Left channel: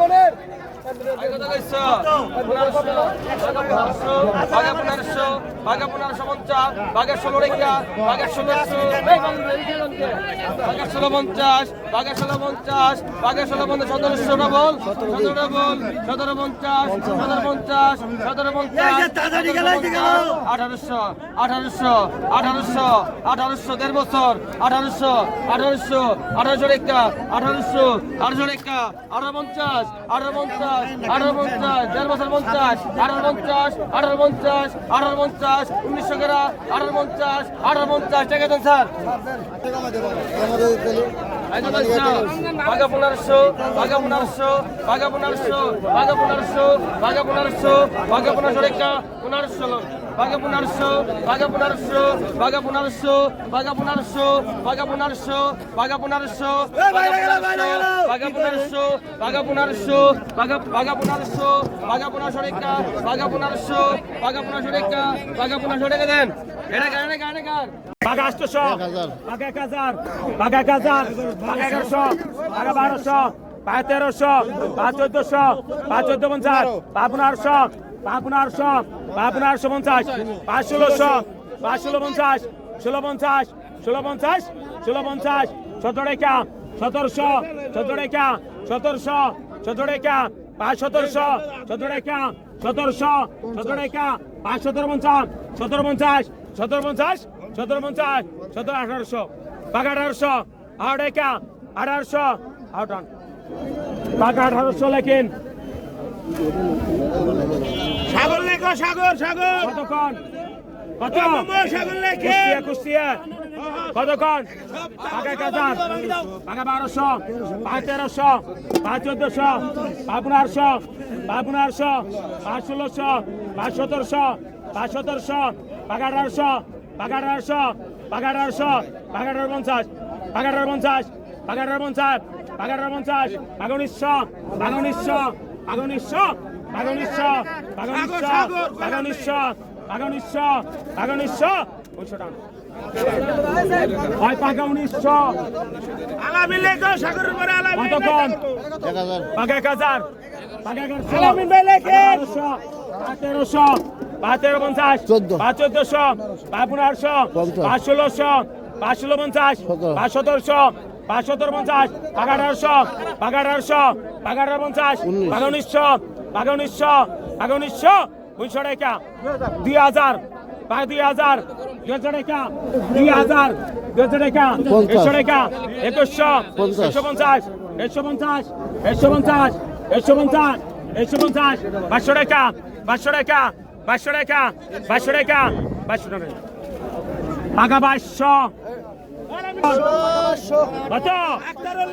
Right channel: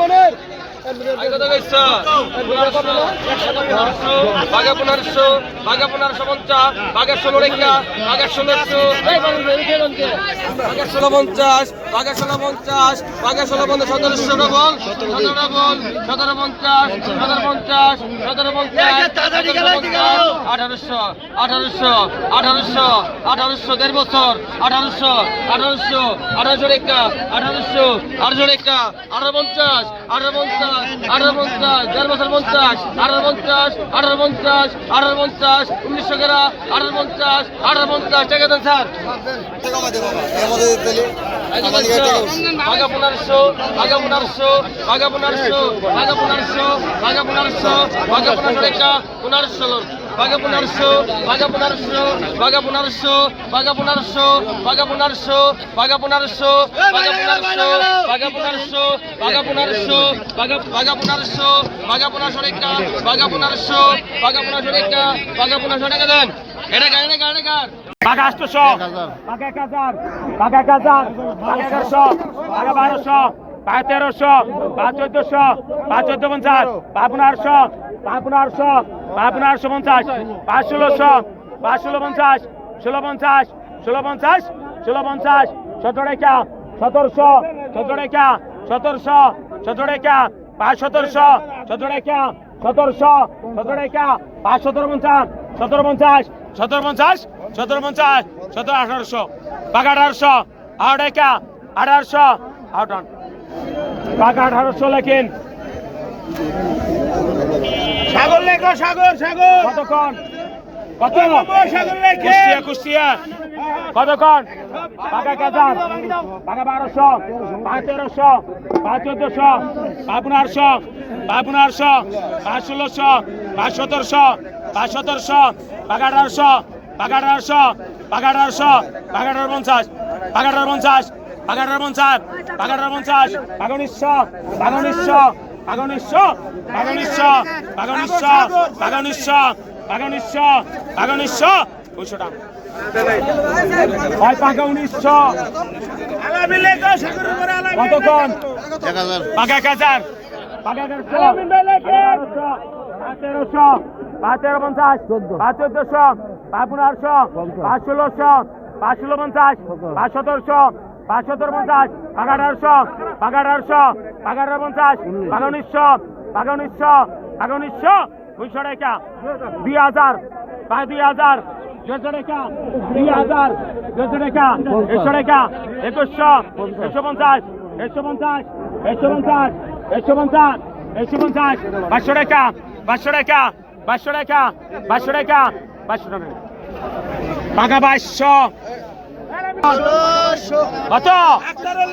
মনে বাঘা পনেরোশো বাঘা পনেরোশো পঞ্চাশ বাঘের ষোলো রেখা বাঘের ষোলোশো বাঘের ষোলো পঞ্চাশ বাঘের ষোলো পঞ্চাশ বাঘের ষোলো পঞ্চাশ সতেরোশো ডবল সতেরো ডবল সতেরো পঞ্চাশ সতেরো পঞ্চাশ সতেরো পঞ্চাশ আঠারোশো আঠারোশো আঠারোশো আঠারোশো দেড় বছর আঠারোশো আঠারোশো আঠারোশো রেখা আঠারোশো আঠারোশো রেখা আঠারো পঞ্চাশ আঠারো পঞ্চাশ আঠারো পঞ্চাশ, দেড় বছর পঞ্চাশ, আঠারো পঞ্চাশ আঠারো পঞ্চাশ আঠারো পঞ্চাশ, উনিশশো গেরা, আঠারো পঞ্চাশ আঠারো পঞ্চাশ, টাকা দেন স্যার। বাঘা পনেরোশো বাঘা পনেরোশো বাঘা পনেরোশো বাঘা পনেরোশো বাঘা পনেরোশো বাঘা পনেরোশো রেখা পনেরোশো বাঘা পনেরোশো বাঘা পনেরোশো বাঘা পনেরোশো বাঘা পনেরোশো বাঘা পনেরোশো বাঘা পনেরোশো বাঘা পনেরোশো বাঘা পনেরোশো বাঘা পনেরোশো বাঘা বাঘা পনেরোশো বাঘা পনেরোশো রেখা বাঘা পনেরোশো বাঘা পনেরোশো রেখা বাঘা পনেরোশো রেখা দেন এটা গাড়ি এটা গাড়ি গাড়ি বাঘা আটশোশো বাঘা এক হাজার বাঘা এক হাজার বাঘা এগারোশো বাঘা বারোশো বাঘা তেরোশো বাঘা চোদ্দশো বাঘা চোদ্দ পঞ্চাশ বাঘা পনেরোশো বাঘা পনেরোশো বাঘা পনেরোশো পঞ্চাশ বাঘা ষোলোশো বাঘা ষোলো পঞ্চাশ ষোলো পঞ্চাশ ষোলো পঞ্চাশ ষোলো পঞ্চাশ সতেরো রেখা সতেরোশো সতেরো রেখা সতেরোশো সতেরো রেখা পাঁচ সতেরোশো সতেরো রেখা সতেরোশো সতেরো রেখা পাঁচ সতেরো পঞ্চাশ সতেরো পঞ্চাশ সতেরো পঞ্চাশ সতেরো পঞ্চাশ সতেরো আঠারোশো বাঘা আঠারোশো আট রেখা আঠারোশো আট টাকা আঠারোশো লেখেন সাগর লেখো সাগর সাগর। কতক্ষণ? কত সাগর লেখে। কুষ্টিয়া কতক্ষণ? টাকা কাজার। টাকা বারোশো টাকা তেরোশো টাকা চোদ্দশো পাপনারশো পাপনারশো পাঁচ ষোলোশো পাঁচ সতেরোশো পাঁচ সতেরোশো টাকা আঠারোশো টাকা আঠারোশো টাকা আঠারোশো টাকা আঠারো পঞ্চাশ টাকা পঞ্চাশ। আঠারো পঞ্চাশ আঠারো পঞ্চাশ বাঘা উনিশশো বাঘা উনিশশো বাঘা উনিশশো বাঘা উনিশশো বাঘা উনিশশো বাঘা উনিশশো বাঘা উনিশশো বাঘা উনিশশো দুইশো টাকা কতক্ষণ? পাকা এক হাজার। পাকা পাঁচ তেরোশো। পাঁচ তেরো পঞ্চাশ পাঁচ চোদ্দশো। পাঁচ পনেরোশো। পাঁচ ষোলোশো। পাঁচ ষোলো পঞ্চাশ পাঁচ সতেরোশো। পাঁচ সতেরো পঞ্চাশ পাকা আঠারোশো পাকা আঠারোশো পাকা আঠারো পঞ্চাশ। পাকা উনিশশো পাকা উনিশশো পাকা উনিশশো দুইশো টাকা। দুই হাজার পাকা দুই হাজার দেড়শো টাকা। দুই হাজার দেড়শো টাকা। দেড়শো টাকা একুশশো একশো পঞ্চাশ একশো পঞ্চাশ একশো পঞ্চাশ একশো পঞ্চাশ একশো পঞ্চাশ পাঁচশো টাকা পাঁচশো টাকা পাঁচশো টাকা পাঁচশো টাকা পাঁচশো টাকা। পাকা বাইশশো কত?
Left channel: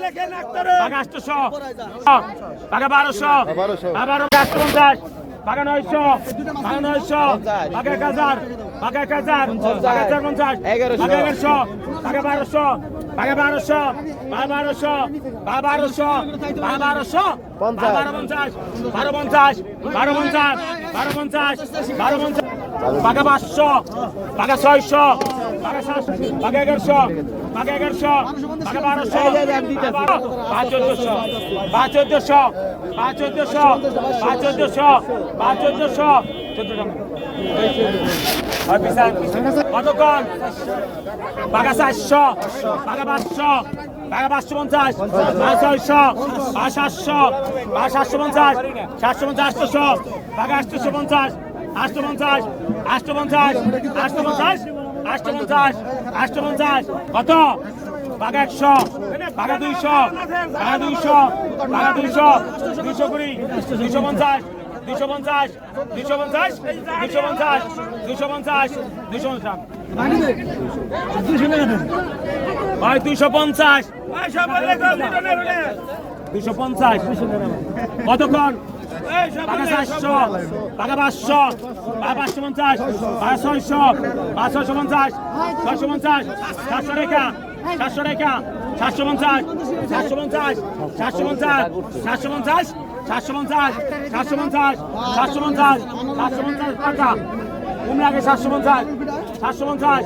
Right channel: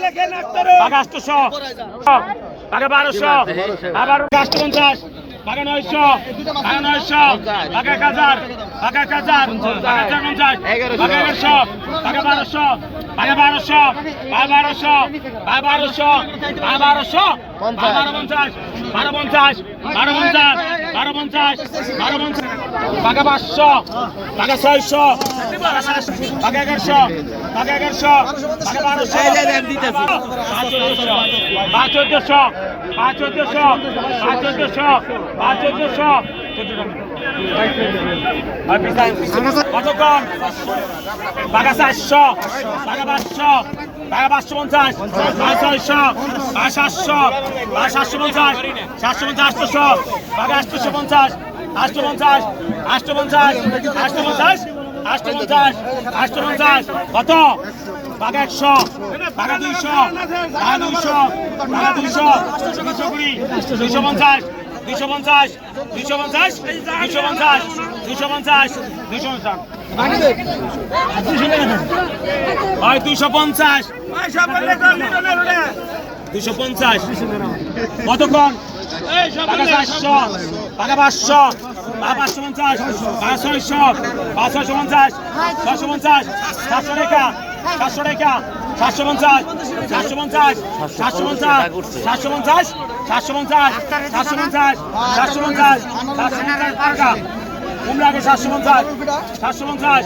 লেখেন আটশোশো পাকা বারোশো। আবার আটশো পঞ্চাশ পাকা নয়শো। পাকা নয়শো। পাকা এক হাজার। পাকা এক হাজার। পাকা চার পঞ্চাশ। পাকা এগারোশো। পাকা বারোশো। পাকা বারোশো। পাকা বারোশো। পাকা বারোশো। পাকা বারোশো। বারো পঞ্চাশ। বারো পঞ্চাশ। বারো পঞ্চাশ। বারো পঞ্চাশ। বারো পঞ্চাশ। পাকা পাঁচশো পাকা ছয়শো পাকা এগারোশো পাকা এগারোশো পাকা বারোশো পাঁচ চোদ্দশো পাঁচ চোদ্দশো পাঁচ চোদ্দশো পাঁচ চোদ্দশো পাঁচ চোদ্দশো। কতক্ষণ পাকা চারশো পাকা পাঁচশো পাকা পাঁচশো পঞ্চাশ পাঁচ ছয়শো পাঁচ সাতশো পাঁচ সাতশো পঞ্চাশ সাতশো পঞ্চাশ আটশোশো পাকা আটশোশো পঞ্চাশ আষ্টপঞ্চাশ আষ্টপঞ্চাশ আষ্টপঞ্চাশ আষ্টপঞ্চাশ আষ্টপঞ্চাশ। কত? বাঘা একশো, বাঘা দুইশো বাঘা দুইশো বাঘা দুইশো দুইশো কুড়ি, দুইশো পঞ্চাশ দুইশো পঞ্চাশ দুইশো পঞ্চাশ দুইশো পঞ্চাশ দুইশো পঞ্চাশ দুইশো পঞ্চাশ। দুইশো পঞ্চাশ। দুইশো পঞ্চাশ। কতক্ষণ পাকা চারশো পাকা পাঁচশো পাকা পাঁচশো পঞ্চাশ পাকা ছয়শো পাঁচ ছয়শো পঞ্চাশ ছয়শো পঞ্চাশ সাতশো রেখা সাতশো রেখা সাতশো পঞ্চাশ সাতশো পঞ্চাশ সাতশো পঞ্চাশ সাতশো পঞ্চাশ সাতশো পঞ্চাশ সাতশো পঞ্চাশ সাতশো পঞ্চাশ সাতশো পঞ্চাশ টাকা। কম লাগে সাতশো পঞ্চাশ সাতশো পঞ্চাশ